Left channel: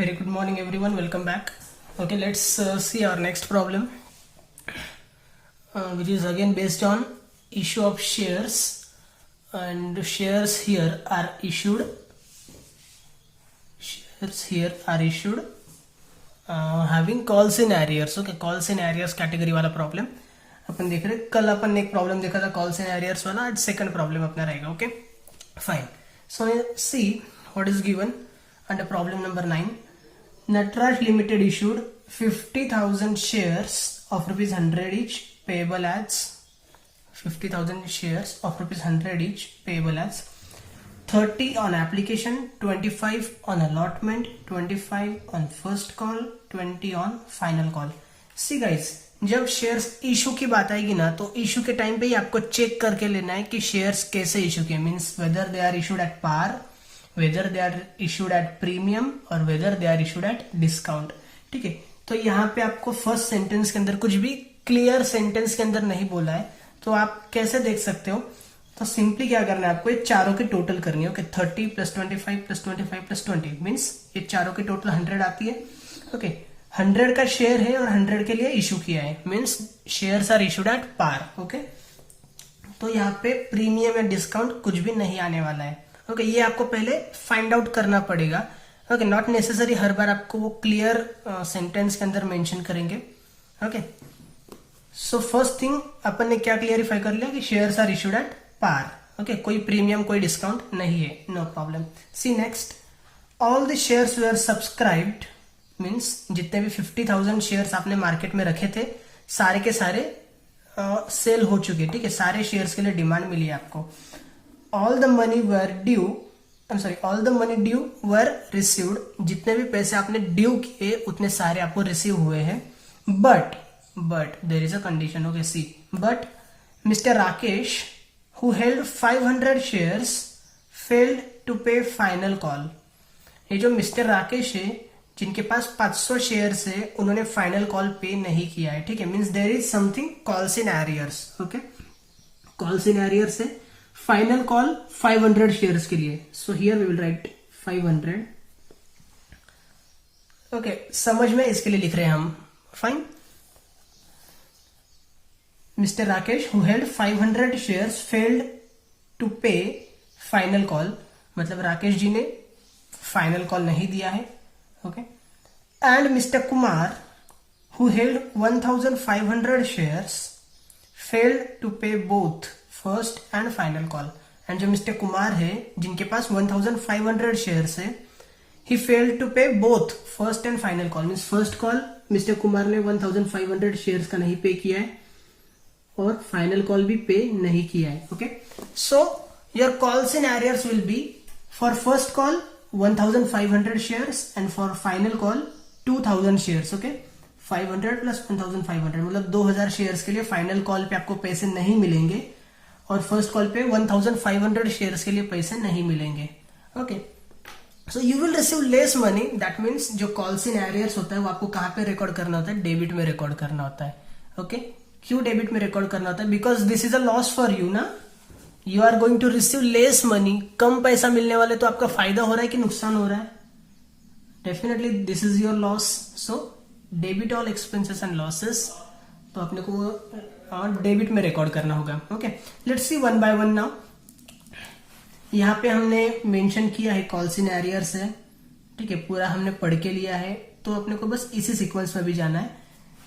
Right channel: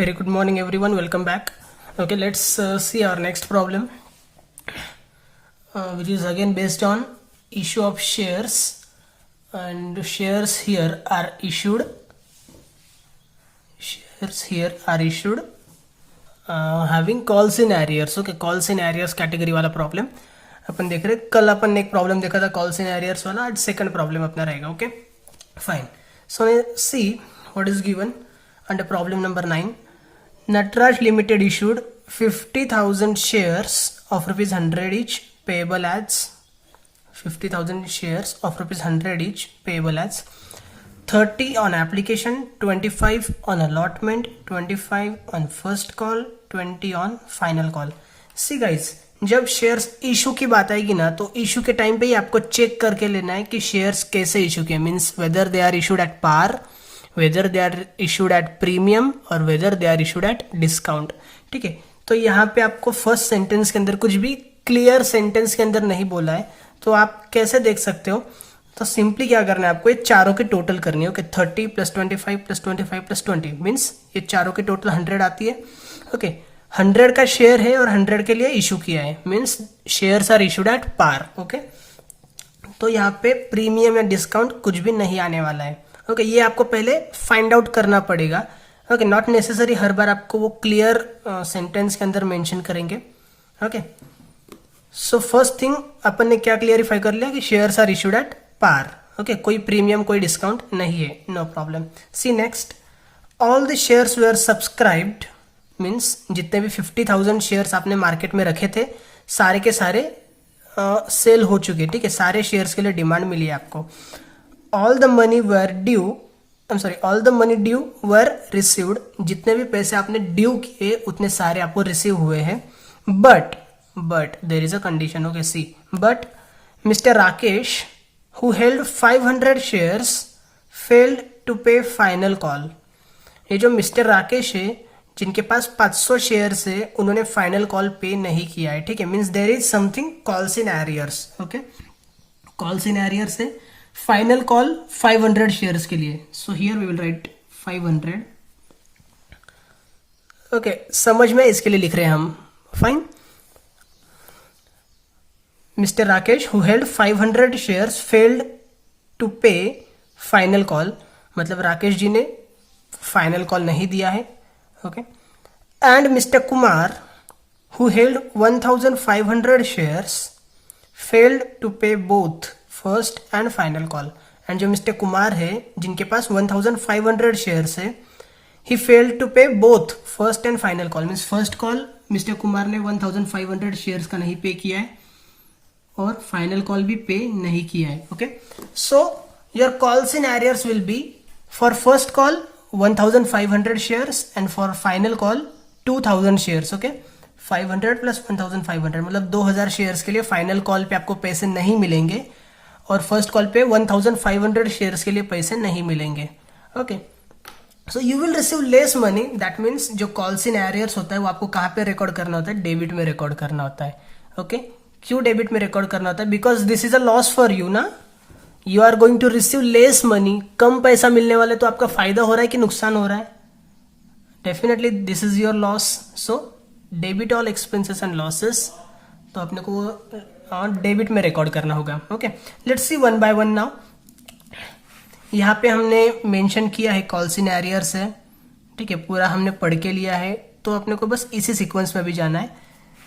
Very good morning everyone, welcome back. Okay, let's see our next problem, which is again based on issue of shares, and shares here are issued. Having calls in arrears. Okay, calls in arrears category वाला problem अपन देख रहे. कल अपन ने एक problem देखा था calls in arrears वाला. आज सेकंड प्रॉब्लम अपना रहेगा. Okay fine. So see what is given under problem number 9. Natraj Limited issued 50,000 shares of rupees 100 each payable as 50,000 shares of rupees 100 each payable as 30 on application, 25 on allotment, 25 on first call, 20 on final call. See guys, जब shares issue की बात आएगी ना तो issue के time पे ही आपको check करके लेना है कि शेयर्स कैसे इशू किए. Means whether they are issued at par, whether they are issued at premium और whether they are issued at discount. ठीक है, तो यहाँ पे आपको फर्स्ट सेंटेंस के अंदर कुछ भी क्लियर सेंटेंस के अंदर नहीं बोला है, तो आप कैसे देख सकते हो. तो सिंपली क्या करना है आपको, ये चारों की टोटल करनी है. ओके 30 + 25 + 25 + 20 मीन्स ये चारों की टोटल 100 आती है. ओके 100 का शेयर है और 100 के लिए इशू किया है. Means shares are issued at par. Okay तो यहाँ पे प्रीमियम या डिस्काउंट कुछ भी नहीं आने वाला है. ओके ये आपको पहले फाइंड आउट करना पड़ेगा. ओके नॉट नेसेसरी हर बार आपको वो क्लियर सेंटेंस के अंदर मेंशन करेंगे. ओके सो फर्स्ट थिंग अपन ने क्या क्लियरिफाई कर लिया कि shares are issued at par. Okay कोई प्रीमियम कोई डिस्काउंट नहीं है, no problem. See next, all the shares were subscribed. Means जितने भी 50,000 शेयर्स आपने मार्केट में रखे थे सारे के सारे सेल हो चुके. ठीक है, सारे शेयर्स के लिए डिमांड मिली है आपको. all the money due were received. जितने भी पैसे आपने ड्यू किए उतने सारे आपको रिसीव हुए हैं. But there is a condition. Okay see, but mister Rakesh who held 500 shares failed to pay final call. ये जो मिस्टर राकेश है जिनके पास 500 शेयर्स है उन्होंने फाइनल कॉल पे नहीं किया है. ठीक है, means there is something calls in arrears. Okay calls in arrears है. फाइनल कॉल 500 शेयर्स के लिए. So here we will write 500. Okay समझ में इसके लिए लिख रहे हैं हम. Fine. Mister Rakesh who held 500 shares failed to pay final call. मतलब राकेश जी ने फाइनल कॉल नहीं दिया है. Okay and mister Kumar who held 1,500 shares failed to pay both first and final call. And जो मिस्टर कुमार है जिनके पास 1,500 शेयर्स है, he failed to pay both first and final call. Means first call mister Kumar ने 1,500 shares का नहीं पे किया है और फाइनल कॉल भी पे नहीं किया है. Okay so your calls in arrears will be for first call 1,500 shares and for final call 2,000 shares. Okay 500 + 1,500 मतलब 2,000 शेयर्स के लिए फाइनल कॉल पे आपको पैसे नहीं मिलेंगे और फर्स्ट कॉल पे 1,500 शेयर्स के लिए पैसे नहीं मिलेंगे. Okay so you will receive less money. That means जो कॉल्स इन एरियर्स होता है वो आपको कहाँ पे रिकॉर्ड करना होता है, डेबिट में रिकॉर्ड करना होता है. ओके क्यों डेबिट में रिकॉर्ड करना होता है? Because this is a loss for you ना. You are going to receive less money. कम पैसा मिलने वाले तो आपका फायदा हो रहा है कि नुकसान हो रहा है? Definitely this is your loss. So debit all expenses and losses. तो अपने को और डेबिट में रिकॉर्ड करना होगा. Okay let's see one by one now. यहाँ पे हमने मेंशन किया है कॉल्स इन एरियर्स है. ठीक है, पूरा हमने पढ़ के लिया है तो अपने को बस इसी सीक्वेंस में भी जाना है.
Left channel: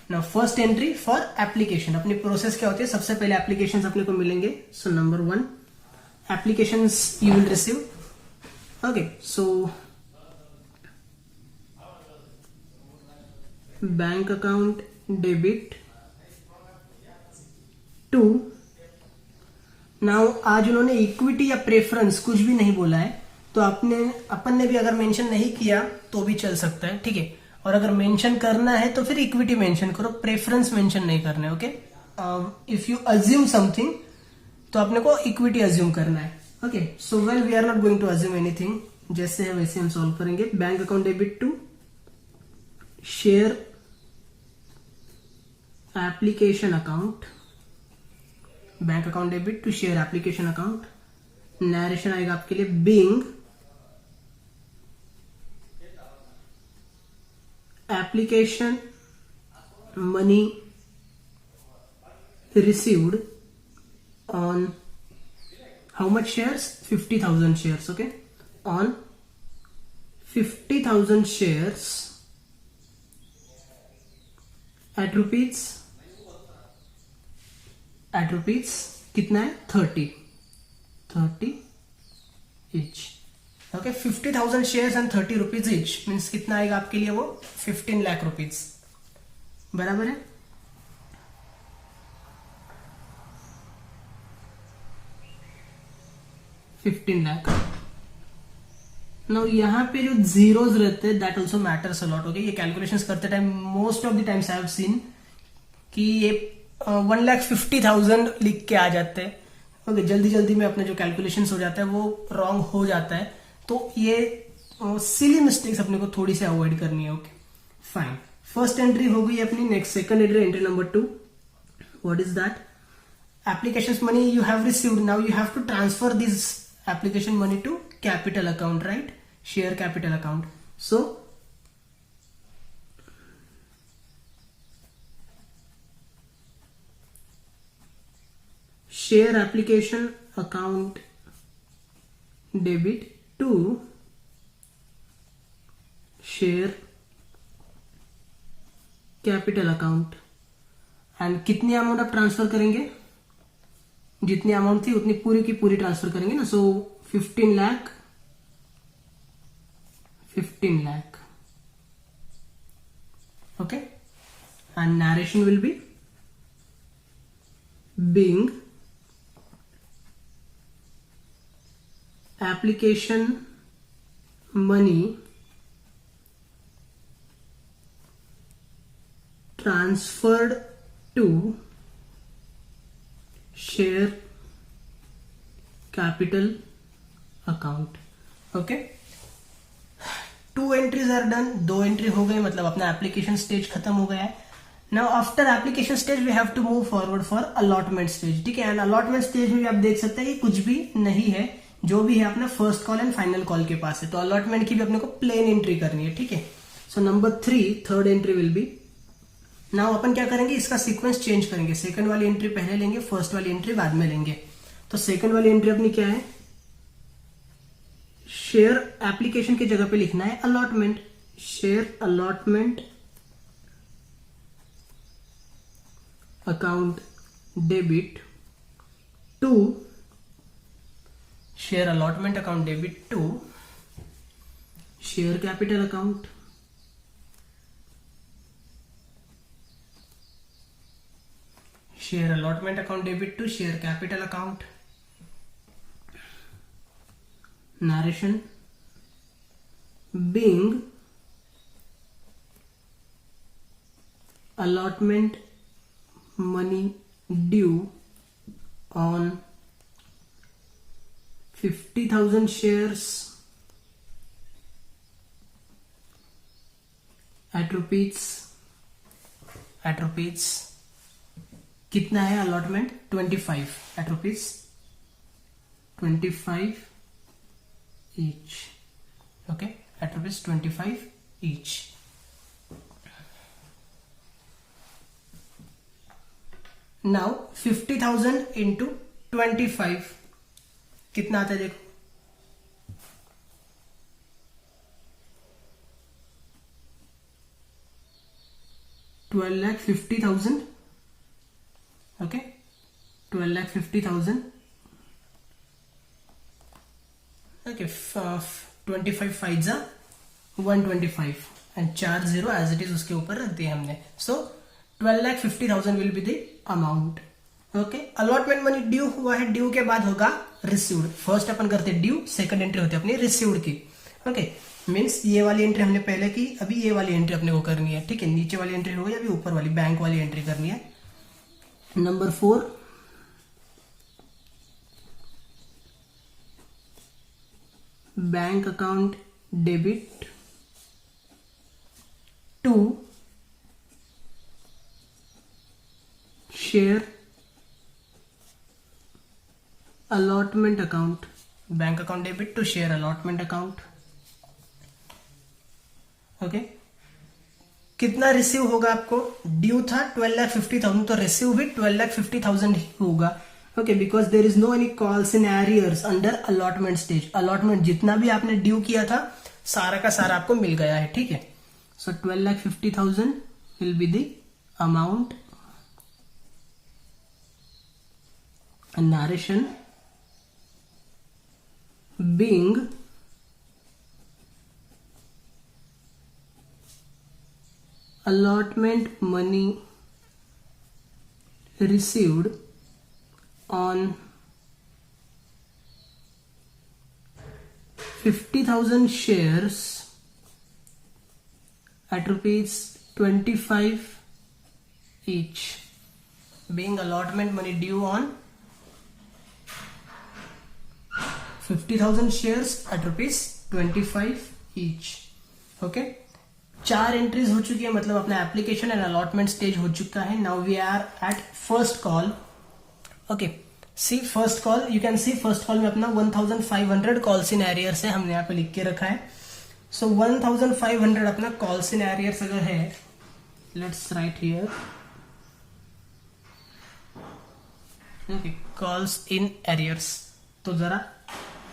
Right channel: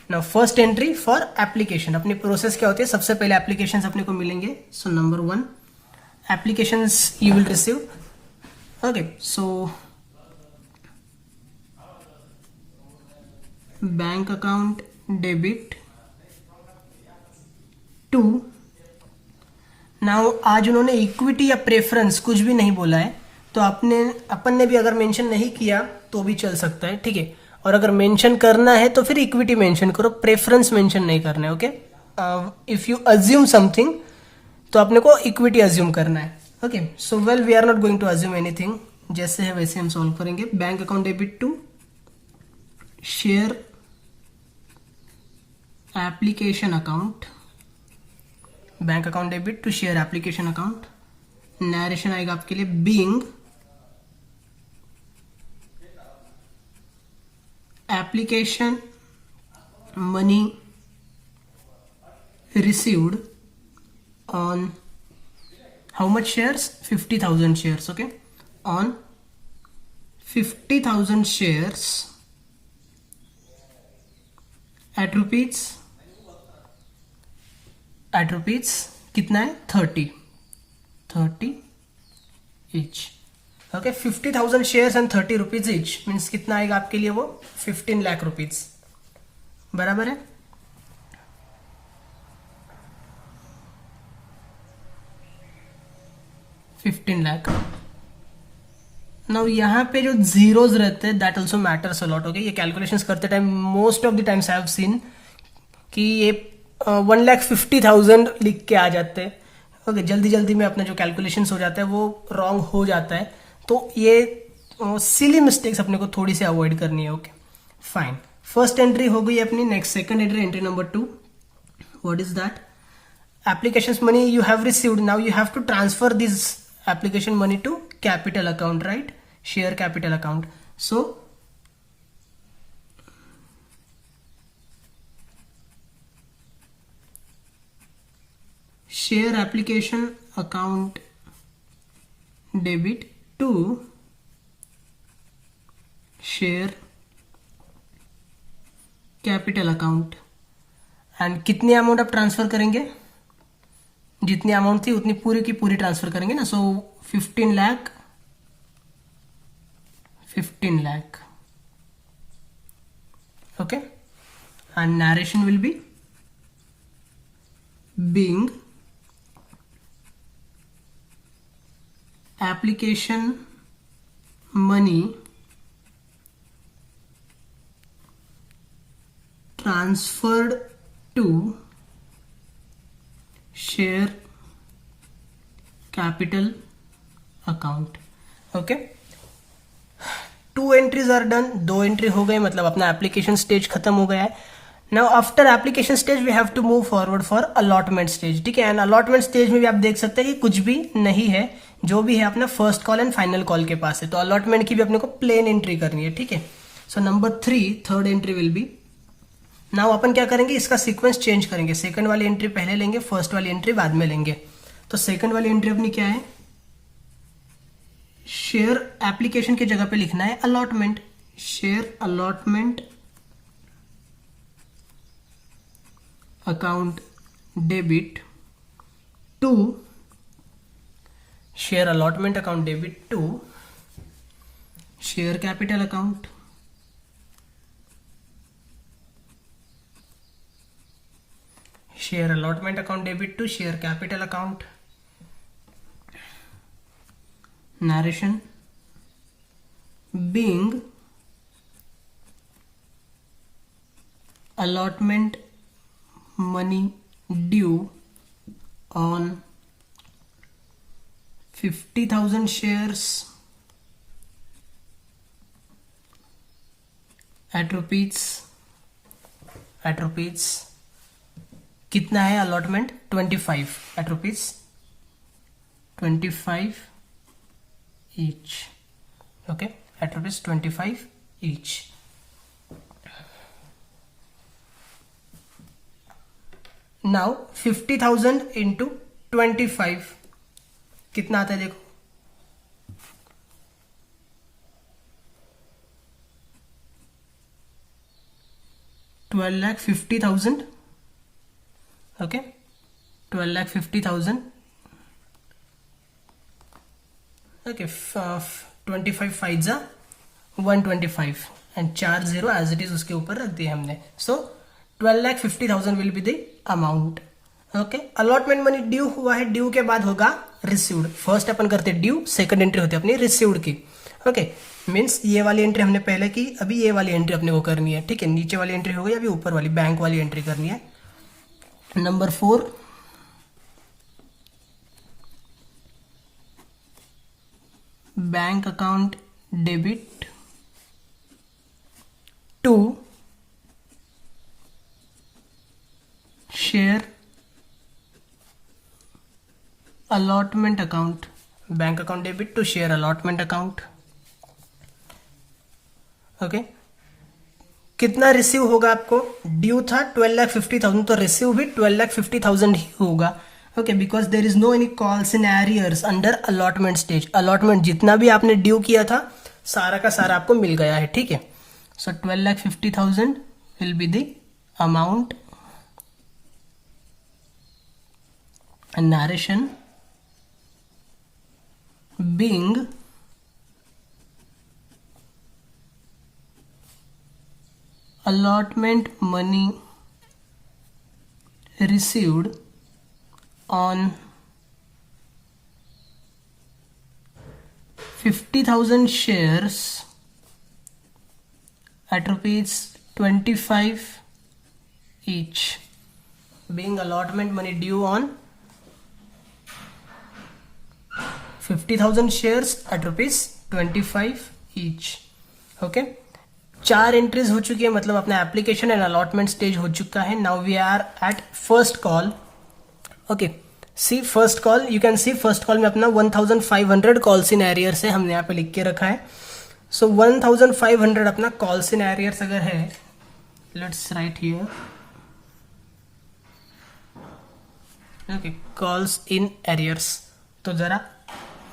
Now first entry for application. अपनी प्रोसेस क्या होती है, सबसे पहले एप्लीकेशंस अपने को मिलेंगे. So number 1 applications you will receive. Okay so bank account debit 2. Now आज उन्होंने इक्विटी या प्रेफरेंस कुछ भी नहीं बोला है तो अपन ने भी अगर मेंशन नहीं किया तो भी चल सकता है. ठीक है, और अगर मेंशन करना है तो फिर इक्विटी मेंशन करो, प्रेफरेंस मेंशन नहीं करना है. Okay if you assume something तो अपने को इक्विटी अज्यूम करना है. Okay so well we are not going to assume anything. जैसे है वैसे हम सॉल्व करेंगे. Bank account debit 2 share application account. Bank account debit to share application account. Narration आएगा आपके लिए being application money received on how much shares? 50,000 shares. Okay, on 50,000 shares at rupees कितना है? 30 each. Okay, 50,000 shares and 30 rupees each means कितना आएगा आपके लिए? वो 15 लाख रुपीज, बराबर है. $15 लाख. नाउ यहाँ पे जो जीरोज रहते हैं that also matters a lot. Okay, ये कैलकुलेशंस करते time most of the times I have seen कि ये 1,50,000 लिख के आ जाते हैं. ओके, जल्दी जल्दी में अपना जो कैलकुलेशंस हो जाता है वो रॉन्ग हो जाता है. तो ये सिली मिस्टेक्स अपने को थोड़ी सी अवॉइड करनी है. Okay fine. फर्स्ट एंट्री हो गई अपनी. Next second entry number 2. What is that? Application money you have received. Now you have to transfer this application money to capital account, right? Share capital account. So share application account debit to share capital account. And कितनी amount आप transfer करेंगे? जितनी amount थी उतनी पूरी की पूरी transfer करेंगे ना. So 15 lakh. Okay, and narration will be being application money transferred to share capital account. Okay, 2 entries are done. 2 entry हो गए, मतलब अपना एप्लीकेशन स्टेज खत्म हो गया है. Now after application stage we have to move forward for allotment stage. ठीक है, एंड अलॉटमेंट स्टेज में भी आप देख सकते हैं कि कुछ भी नहीं है. जो भी है अपना first call and final call के पास है. तो अलॉटमेंट की भी अपने को प्लेन एंट्री करनी है. ठीक है, so number 3 third entry will be. Now अपन क्या करेंगे? इसका सीक्वेंस चेंज करेंगे. सेकंड वाली एंट्री पहले लेंगे, फर्स्ट वाली एंट्री बाद में लेंगे. तो सेकंड वाली एंट्री अपनी क्या है? शेयर एप्लीकेशन की जगह पे लिखना है allotment. Share allotment account debit to share allotment account debit to share capital account. Share allotment account debit to share capital account. Narration being allotment money due on 50,000 shares at rupees कितना है allotment? 25 at rupees 25 each. Okay, at rupees 25 each. Now 50,000 into 25 कितना आता है? देखो, 12,50,000. Okay, 12,50,000. Okay, 25 5 125 and 4 0 as it is उसके ऊपर रख दिया हमने. So 12,50,000 will be the amount. Okay, allotment money due हुआ है. ड्यू के बाद होगा रिसीव्ड. फर्स्ट अपन करते ड्यू, सेकंड एंट्री होती है अपनी रिसीव्ड की. ओके, मीन्स ये वाली एंट्री हमने पहले की, अभी ये वाली एंट्री अपने को करनी है. ठीक है, नीचे वाली एंट्री हो गई, अभी ऊपर वाली बैंक वाली एंट्री करनी है. Number 4 bank account debit to share allotment account. Bank account debit to share allotment account. Okay, कितना रिसीव होगा आपको, ड्यू था 12,50,000 तो रिसीव भी 12,50,000 ही होगा। Okay, because there is no any calls in arrears under allotment stage. Allotment जितना भी आपने ड्यू किया था सारा का सारा आपको मिल गया है, ठीक है। सो 12,50,000 will be the amount and narration being allotment money received on 50,000 shares at rupees 25 each, being allotment money due on 50,000 shares at rupees 25 each। Okay, 4 entries हो चुकी है, मतलब अपना एप्लीकेशन एंड अलॉटमेंट स्टेज हो चुका है। Now we are at first call. Okay, see first call, you can see first call में अपना 1500 कॉल्स इन एरियर्स है, हमने यहाँ पे लिख के रखा है। सो 1500 अपना कॉल्स इन एरियर्स अगर है, let's write here. Okay, calls in arrears, तो जरा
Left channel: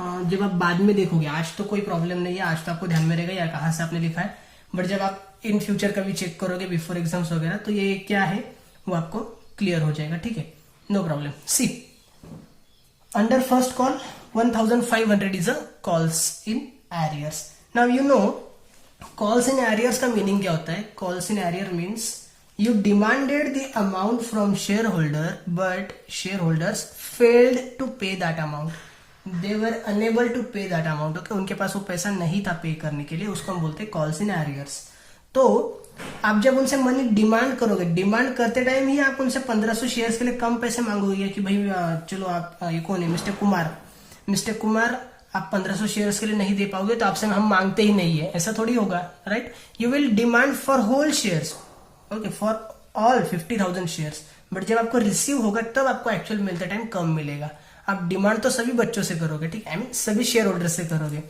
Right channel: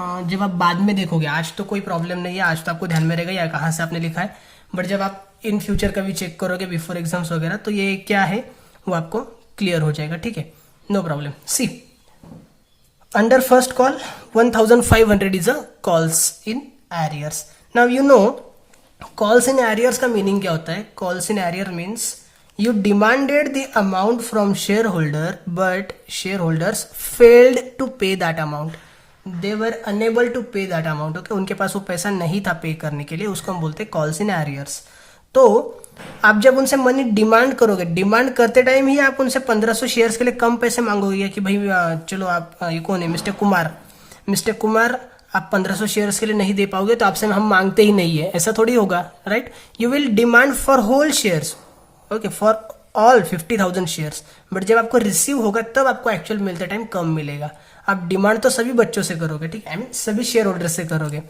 जब आप बाद में देखोगे, आज तो कोई प्रॉब्लम नहीं है, आज तो आपको ध्यान में रहेगा या कहाँ से आपने लिखा है, बट जब आप इन फ्यूचर का भी चेक करोगे बिफोर एग्जाम्स वगैरह, तो ये क्या है वो आपको क्लियर हो जाएगा, ठीक है, no problem. See under first call 1500 is a calls in arrears. Now you know calls in arrears का मीनिंग क्या होता है। Calls in arrear means you demanded the amount from shareholder but shareholders failed to pay that amount, they were unable to pay that amount। okay, उनके पास वो पैसा नहीं था पे करने के लिए, उसको हम बोलते हैं कॉल्स इन एरियर्स। तो आप जब उनसे मनी डिमांड करोगे, डिमांड करते टाइम ही आप उनसे 1500 शेयर्स के लिए कम पैसे मांगोगे कि भाई चलो आप, ये कौन है, मिस्टर कुमार आप 1500 शेयर्स के लिए नहीं दे पाओगे तो आपसे हम मांगते ही नहीं है, ऐसा थोड़ी होगा, right. You will demand for whole shares, okay, for all 50,000 shares, but जब आपको रिसीव होगा तब आपको एक्चुअल मिलते टाइम कम मिलेगा। आप डिमांड तो सभी बच्चों से करोगे, ठीक है, आई मीन सभी शेयर होल्डर से करोगे।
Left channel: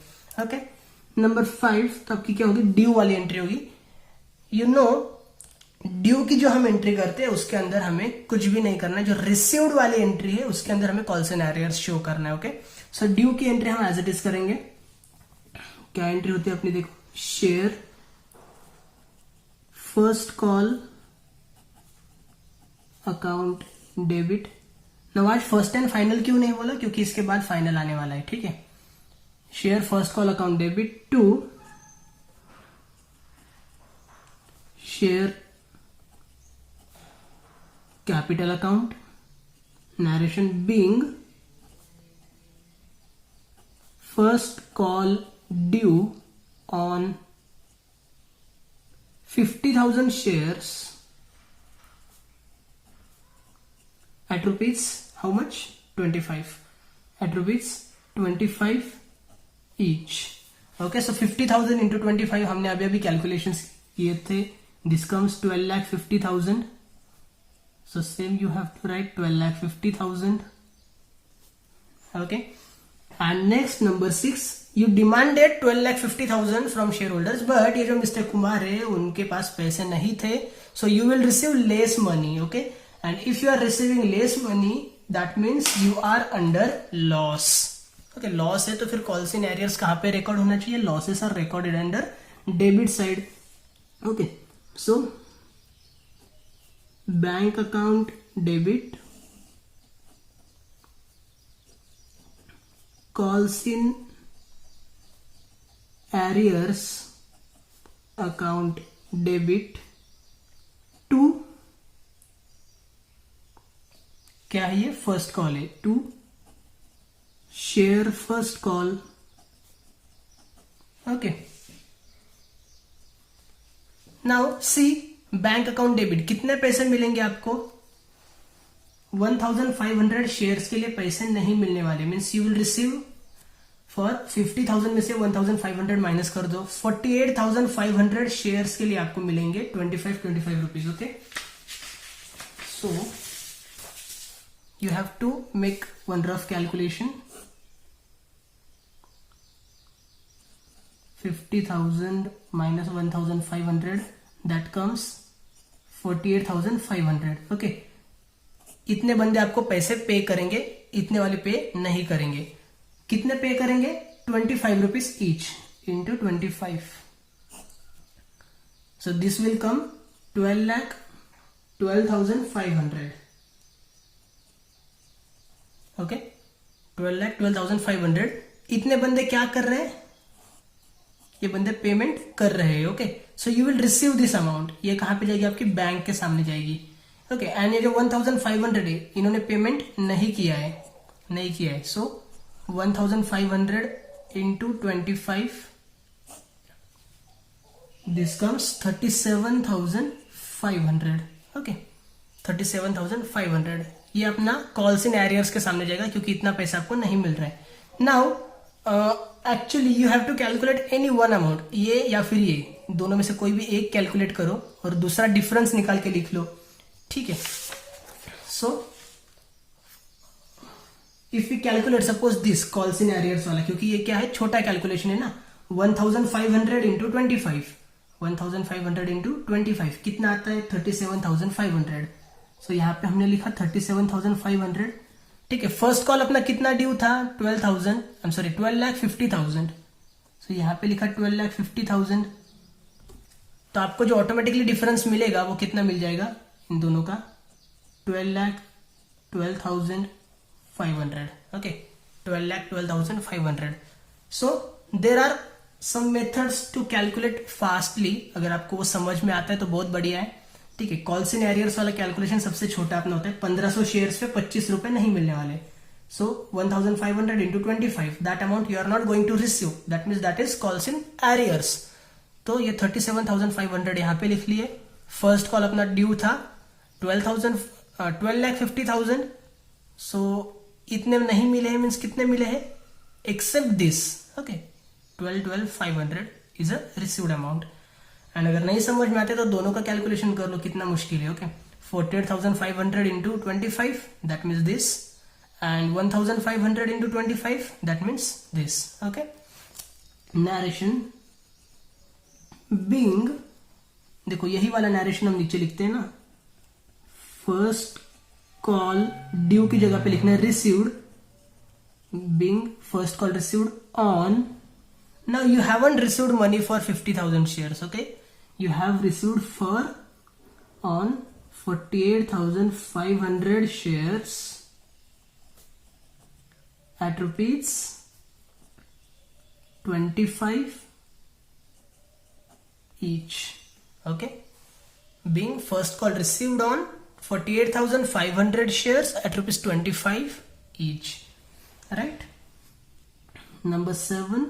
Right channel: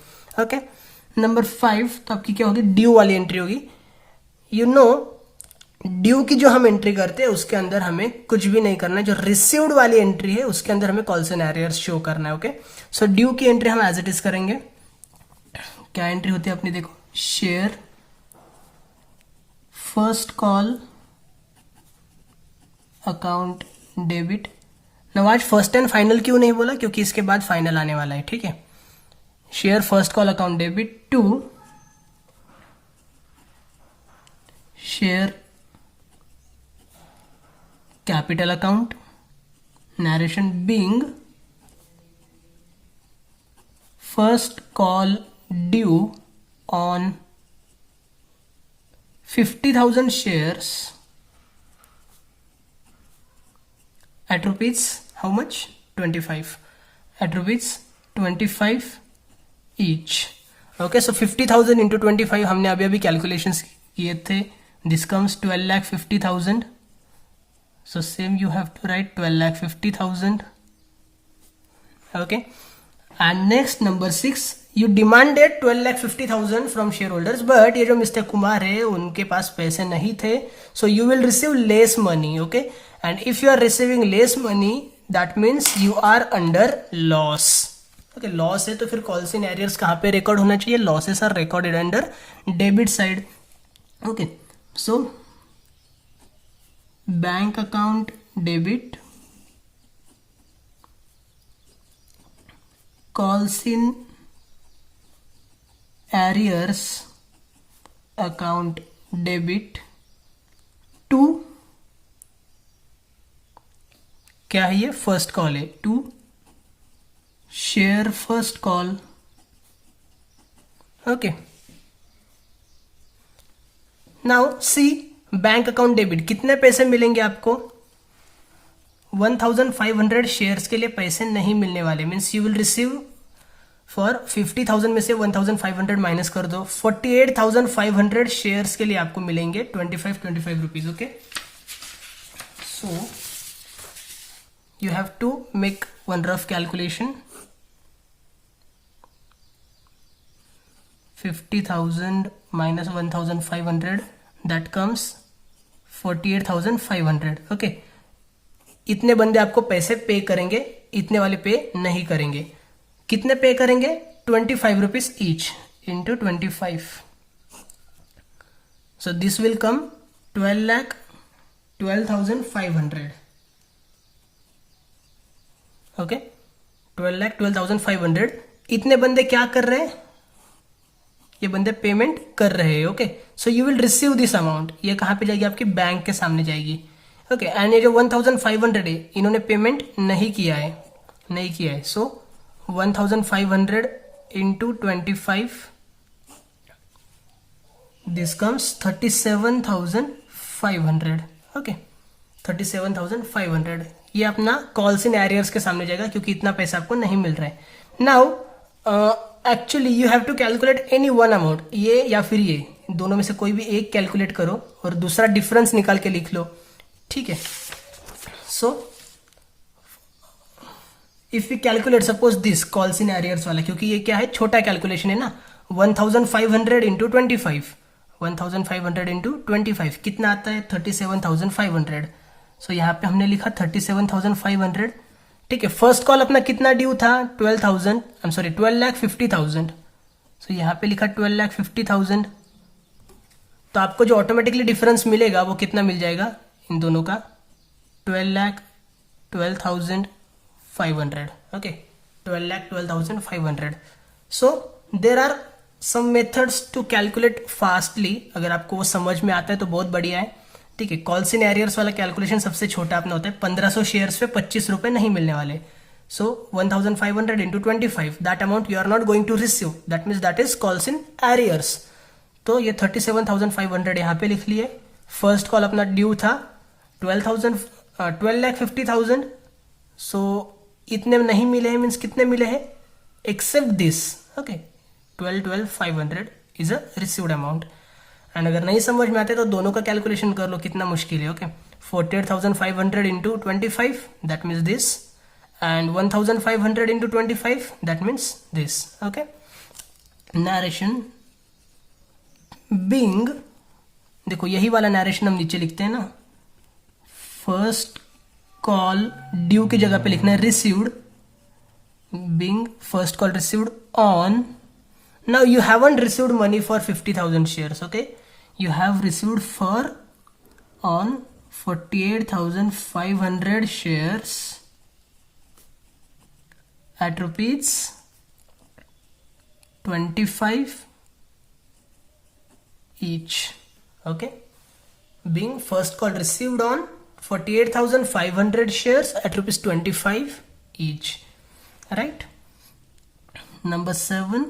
ओके, नंबर 5 तो आपकी क्या होगी, ड्यू वाली एंट्री होगी। यू नो ड्यू की जो हम एंट्री करते हैं उसके अंदर हमें कुछ भी नहीं करना है, जो रिसीव्ड वाली एंट्री है उसके अंदर हमें कॉल्स एंड एरियर्स शो करना है। ओके, सो ड्यू की एंट्री हम एज इट इज करेंगे। क्या एंट्री होती है अपनी, देखो, share first call account debit. ना आज फर्स्ट एंड फाइनल क्यों नहीं बोला, क्योंकि इसके बाद फाइनल आने वाला है, ठीक है। Share first call account debit to share capital account, narration being first call due on 50,000 shares at rupees how much, 25, at rupees 25 each। okay, so 50,000 into 25 हमने अभी अभी कैलकुलेशंस किए थे, this comes 12,50,000, so same you have to write 12,50,000। okay, and next number 6, you demanded 12,50,000 from shareholders, but ये जो mister Kumar है उनके पास पैसे नहीं थे, so you will receive less money। okay, and if you are receiving less money that means you are under loss। okay, loss है तो फिर कॉल्स इन एरियर्स कहाँ पे रिकॉर्ड होना चाहिए, losses are recorded under debit side. Okay, so bank account debit, calls in arrears account debit to, क्या है ये, फर्स्ट कॉल है, to share first call. Okay, now see bank account debit, कितने पैसे मिलेंगे आपको, 1500 शेयर्स के लिए पैसे नहीं मिलने वाले, means you will receive for 50,000 में से 1500 माइनस कर दो, 48,500 शेयर्स के लिए आपको मिलेंगे 25 rupees. Okay, so you have to make one rough calculation, 50,000 minus 1,500 that comes 48,500. Okay, इतने बंदे आपको पैसे पे करेंगे, इतने वाले पे नहीं करेंगे. कितने पे करेंगे? 25 rupees each into 25. So this will come 12,12,500. Okay, 12,12,500. इतने बंदे क्या कर रहे हैं? ये बंदे पेमेंट कर रहे हैं. Okay, so you will receive this amount. ये कहां पे जाएगी? आपकी बैंक के सामने जाएगी. ओके, एंड ये जो 1,500 है, इन्होंने पेमेंट नहीं किया है. सो 1,500 इंटू 25, दिस कम्स 37,500. ओके, 37,500. ये अपना कॉल्स इन एरियर्स के सामने जाएगा क्योंकि इतना पैसा आपको नहीं मिल रहा है. Now actually you have to calculate any one amount. ये या फिर ये दोनों में से कोई भी एक कैलकुलेट करो और दूसरा डिफरेंस निकाल के लिख लो. ठीक है. So if you calculate suppose this calls in arrears वाला, क्योंकि ये क्या है? छोटा कैलकुलेशन है ना. 1,500 इंटू 25, 1,500 इंटू 25 कितना आता है? 37,500. सो यहाँ पे हमने लिखा 37,500. ठीक है. फर्स्ट कॉल अपना कितना ड्यू था? 12,50,000. सो यहाँ पे लिखा 12,50,000. तो आपको जो ऑटोमेटिकली डिफरेंस मिलेगा वो कितना मिल जाएगा इन दोनों का? 12,12,500. Okay, 12,12,500. So there are some methods to calculate fastly. अगर आपको वो समझ में आता है तो बहुत बढ़िया है. ठीक है. कॉल्स इन एरियर्स वाला कैलकुलेशन सबसे छोटा अपना होता है. 1500 शेयर्स पे 25 रुपए नहीं मिलने वाले. So 1,500 into 25, that amount you are not going to receive. That means that is calls in arrears. तो ये 37,500 यहाँ पे लिख लिए. फर्स्ट कॉल अपना ड्यू था 12,50,000. सो इतने नहीं मिले हैं, मीन्स कितने मिले हैं? Except this. Okay, 12,500 is a received amount. And अगर नहीं समझ में आते तो दोनों का कैलकुलेशन कर लो, कितना मुश्किल है. Okay, 48,500 into 25, that means this, and 1,500 into 25, that means this. Okay, narration being, देखो यही वाला नरेशन हम नीचे लिखते हैं ना. फर्स्ट कॉल ड्यू की जगह पे लिखना है received. Being first call received on. Now you haven't received money for 50,000 shares. Okay, you have received for on 48,500 shares at rupees 25 each. Okay, being first call received on 48,500 shares at rupees 25 each. Right. Number 7.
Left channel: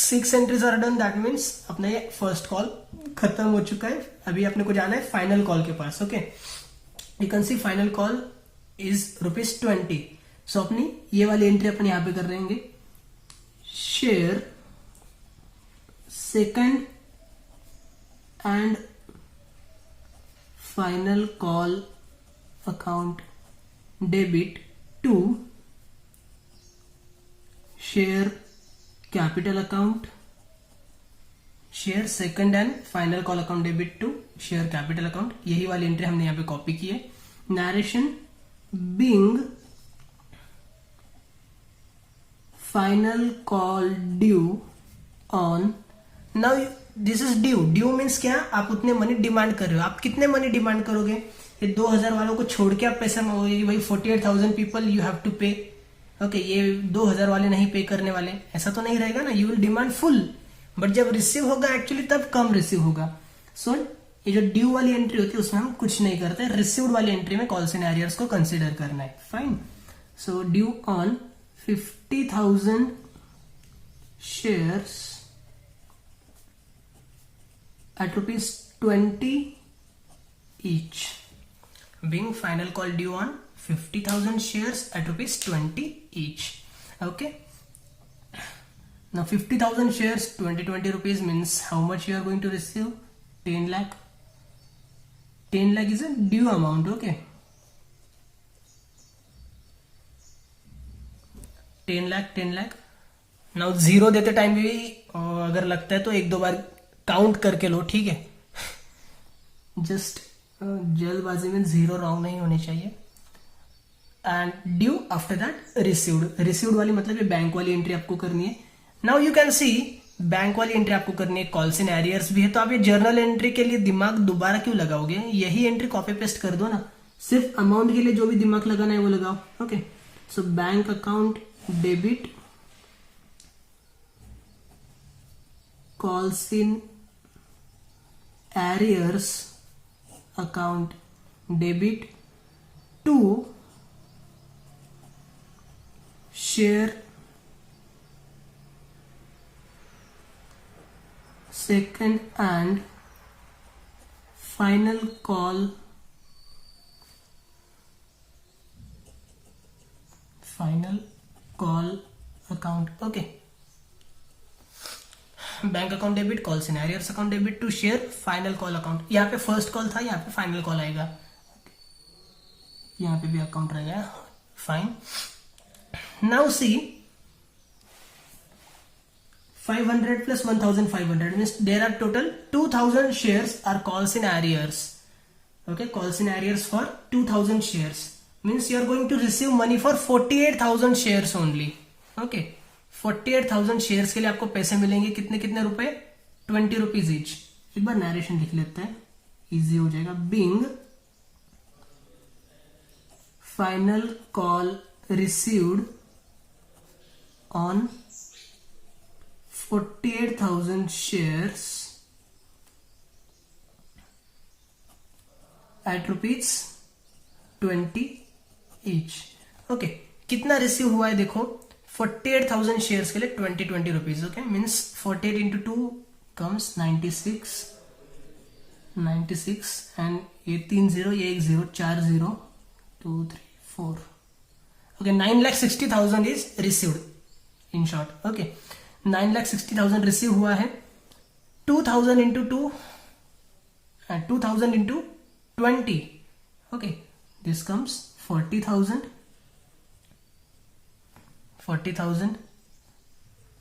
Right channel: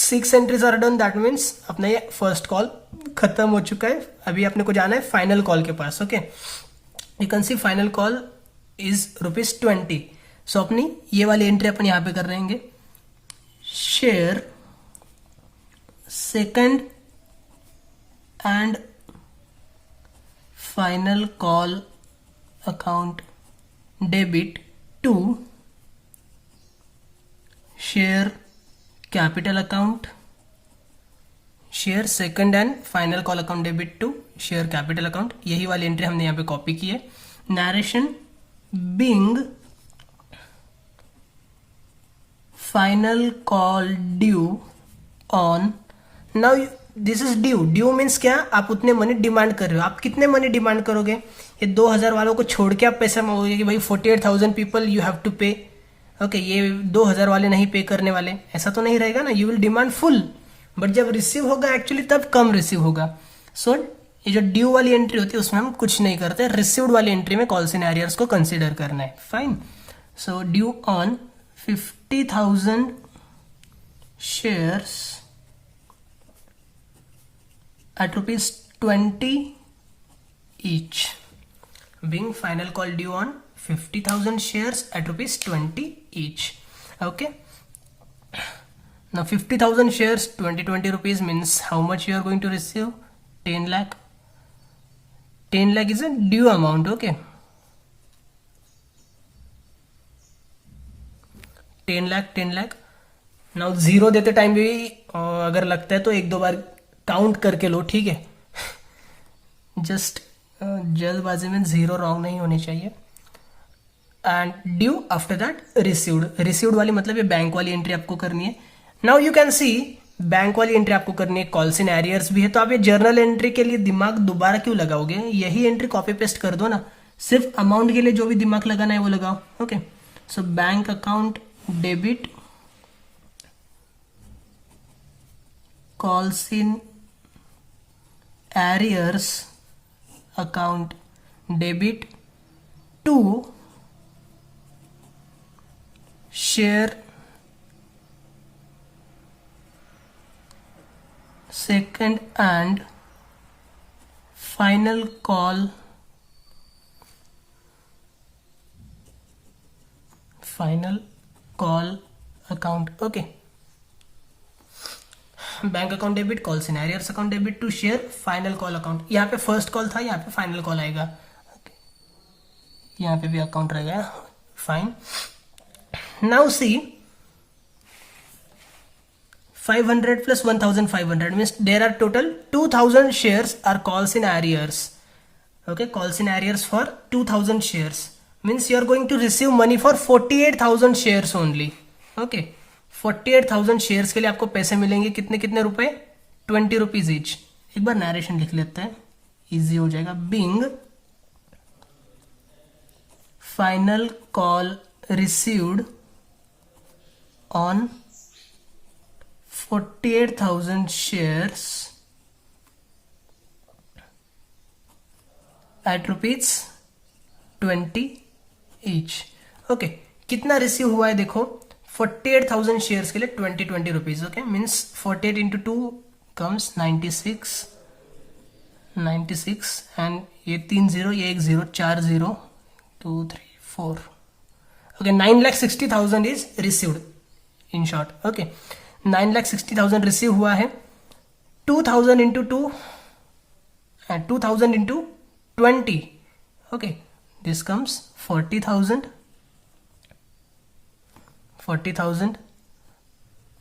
6 entries are done. That means अपना ये first call खत्म हो चुका है. अभी अपने को जाना है फाइनल कॉल के पास. Okay, you can see final call is ₹20. So अपनी ये वाली एंट्री अपन यहां पे कर रहेंगे. Share second and final call account debit to share capital account. Share second and final call account debit to share capital account. यही वाली एंट्री हमने यहां पे कॉपी की है. Narration being final call due on. Now this is due. Due means क्या? आप उतने मनी डिमांड कर रहे हो. आप कितने मनी डिमांड करोगे? ये 2,000 वालों को छोड़ के आप पैसा मांगोगे कि भाई 48,000 पीपल यू हैव टू पे. ओके, ये 2,000 वाले नहीं पे करने वाले, ऐसा तो नहीं रहेगा ना. You will demand full, but जब रिसीव होगा एक्चुअली तब कम रिसीव होगा. सो ये जो ड्यू वाली एंट्री होती है उसमें हम कुछ नहीं करते. रिसीव्ड वाली एंट्री में कॉल्स इन एरियर्स को कंसीडर करना है. Fine. So due on 50,000 shares at rupees 20 each. Being final call due on 50,000 shares at rupees 20 each. Okay, now 50,000 shares, 20 rupees means how much you are going to receive? 10 lakh. 10 lakh is a due amount. Okay, 10 lakh now 0 देते time भी अगर लगता है तो एक दो बार count करके लो, ठीक है। जस्ट जल्दबाजी में 0 रॉन्ग नहीं होने चाहिए। And due after that received, received वाली मतलब ये बैंक वाली एंट्री आपको करनी है। Now you can C bank वाली एंट्री आपको करनी है, कॉल्स इन एरियर्स भी है, तो आप ये जर्नल एंट्री के लिए दिमाग दोबारा क्यों लगाओगे, यही एंट्री कॉपी पेस्ट कर दो ना, सिर्फ अमाउंट के लिए जो भी दिमाग लगाना है वो लगाओ। Okay, so bank account debit calls in arrears account debit to share second and final call account। Okay, bank account debit, call scenarios account debit to share final call account. यहाँ पे फर्स्ट कॉल था, यहाँ पे final call आएगा, यहाँ पे भी account रहेगा। Fine, now see 500 plus 1500 means there are total 2000 shares are calls in arrears. Okay, calls in arrears for 2000 shares means you are going to receive money for 48,000 shares only. Okay, 48,000 shares के लिए आपको पैसे मिलेंगे, कितने कितने रुपए, 20 rupees each. एक बार narration लिख लेते हैं, इजी हो जाएगा। Being final call received on 48,000 shares at rupees 20 each। Okay, कितना रिसीव हुआ है देखो, 48,000 शेयर्स के लिए 20 rupees. Okay, means 48 into 2 comes 96 and ये 3 0, ये 1 0, 4 0, 2 3 4। Okay, 9,60,000 is received in short. Okay, 9,60,000 receive हुआ है। 2,000 into 2 and 2,000 into 20। Okay, this comes 40,000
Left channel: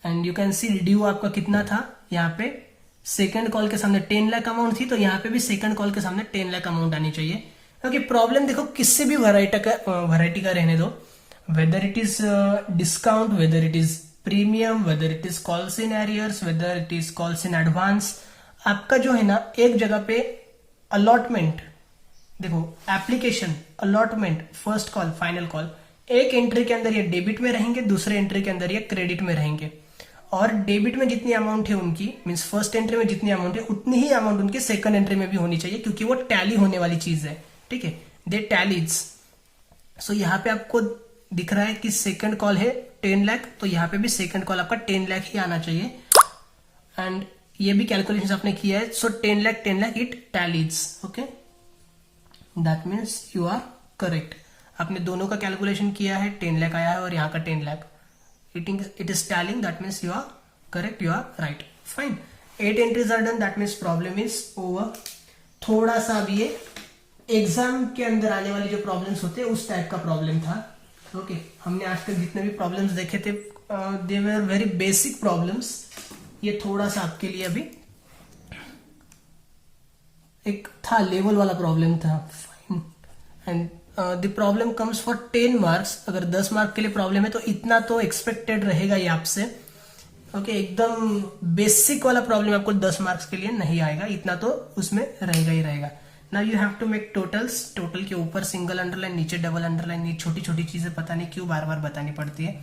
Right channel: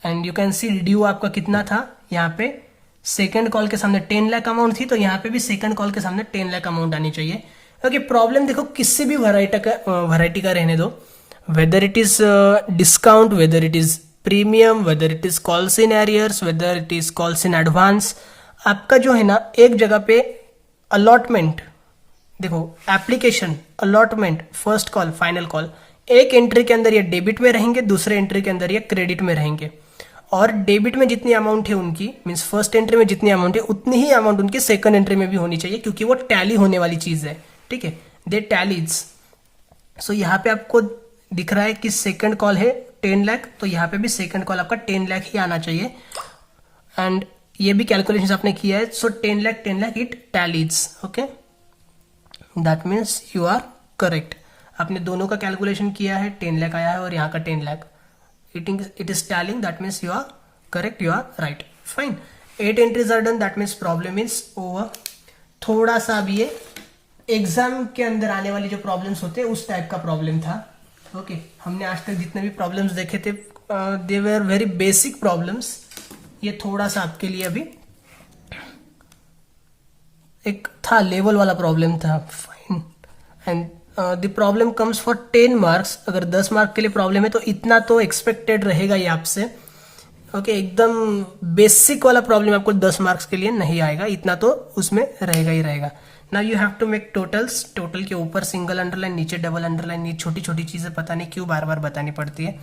and you can see due आपका कितना था, यहाँ पे सेकंड कॉल के सामने 10 लाख अमाउंट थी, तो यहाँ पे भी सेकंड कॉल के सामने 10 लाख अमाउंट आनी चाहिए। ओके, प्रॉब्लम देखो किससे भी वैरायटी का रहने दो, whether it is discount, whether it is premium, whether it is calls in arrears, whether it is calls in advance, आपका जो है ना एक जगह पे अलॉटमेंट देखो, application, allotment, first call, final call, एक एंट्री के अंदर ये डेबिट में रहेंगे, दूसरे एंट्री के अंदर ये क्रेडिट में रहेंगे। और डेबिट में जितनी अमाउंट है उनकी, मीन्स फर्स्ट एंट्री में जितनी अमाउंट है उतनी ही अमाउंट उनकी सेकंड एंट्री में भी होनी चाहिए, क्योंकि वो टैली होने वाली चीज है। ठीक है, दे टैलीज। सो यहाँ पे आपको दिख रहा है कि सेकंड कॉल है 10 लाख, तो यहाँ पे भी सेकंड कॉल आपका 10 लाख ही आना चाहिए। एंड ये भी कैलकुलेशन आपने किया है, so 10 lakh it tallies. Okay, that means you are correct. आपने दोनों का कैलकुलेशन किया है, 10 लाख आया है और यहाँ का 10 lakh, it is tallying, that means you are correct, you are right. Fine, 8 entries are done, that means problem is over. थोड़ा सा भी ये एग्जाम के अंदर आने वाली जो प्रॉब्लम्स होते हैं उस टाइप का प्रॉब्लम था। ओके, हमने आज तक जितने भी प्रॉब्लम्स देखे थे दे वर वेरी बेसिक प्रॉब्लम्स। ये थोड़ा सा आपके लिए अभी एक था लेवल वाला प्रॉब्लम था। Fine, and the problem comes for 10 marks. अगर 10 मार्क के लिए प्रॉब्लम है तो इतना तो एक्सपेक्टेड रहेगा ये आपसे। ओके, एकदम बेसिक वाला प्रॉब्लम आपको 10 मार्क्स के लिए नहीं आएगा, इतना तो उसमें रहेगा ही रहेगा। Now you have to make totals. Total के ऊपर सिंगल अंडरलाइन, नीचे डबल अंडरलाइन, ये छोटी छोटी चीजें पता नहीं क्यों बार बार बतानी पड़ती है।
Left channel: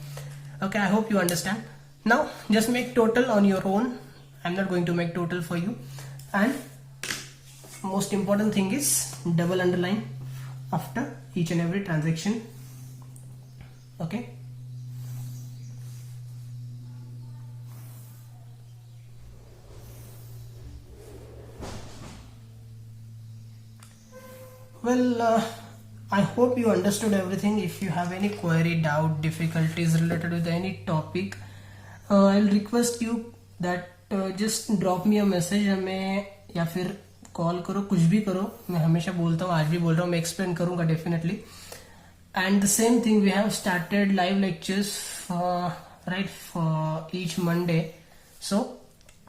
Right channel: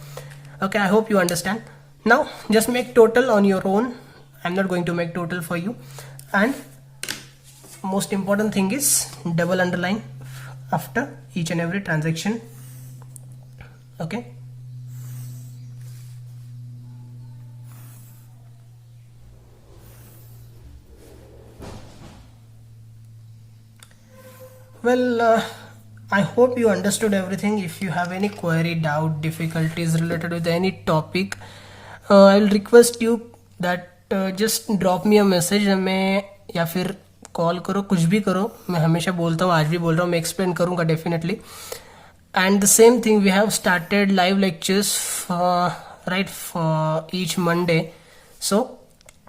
Okay, I hope you understand. Now just make total on your own, I am not going to make total for you. And most important thing is double underline after each and every transaction. Okay, well I hope you understood everything. If you have any query, doubt, difficulties related with any topic, I'll request you that just drop me a message हमें, या फिर call करो, कुछ भी करो। मैं हमेशा बोलता हूँ, आज भी बोल रहा हूँ, मैं एक्सप्लेन करूँगा definitely. And the same thing, we have started live lectures right, each Monday. So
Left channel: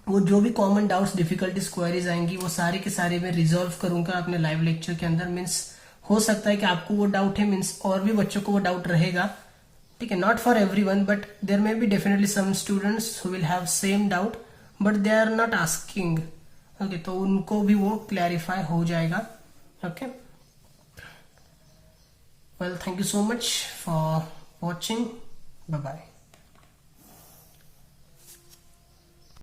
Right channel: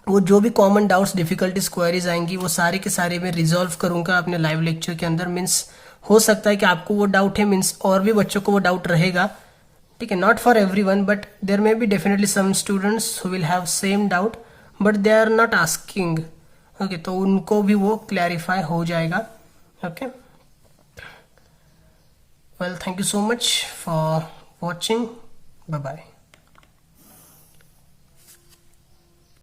वो जो भी कॉमन डाउट्स, डिफिकल्टीज, क्वेरीज आएंगी वो सारे के सारे मैं रिजॉल्व करूंगा अपने लाइव लेक्चर के अंदर. मीन्स हो सकता है कि आपको वो डाउट है, मीन्स और भी बच्चों को वो डाउट रहेगा, ठीक है. Not for everyone, but there may be definitely some students who will have same doubt but they are not asking. Okay, तो उनको भी वो क्लैरिफाई हो जाएगा. Okay, well, thank you so much for watching. Bye bye.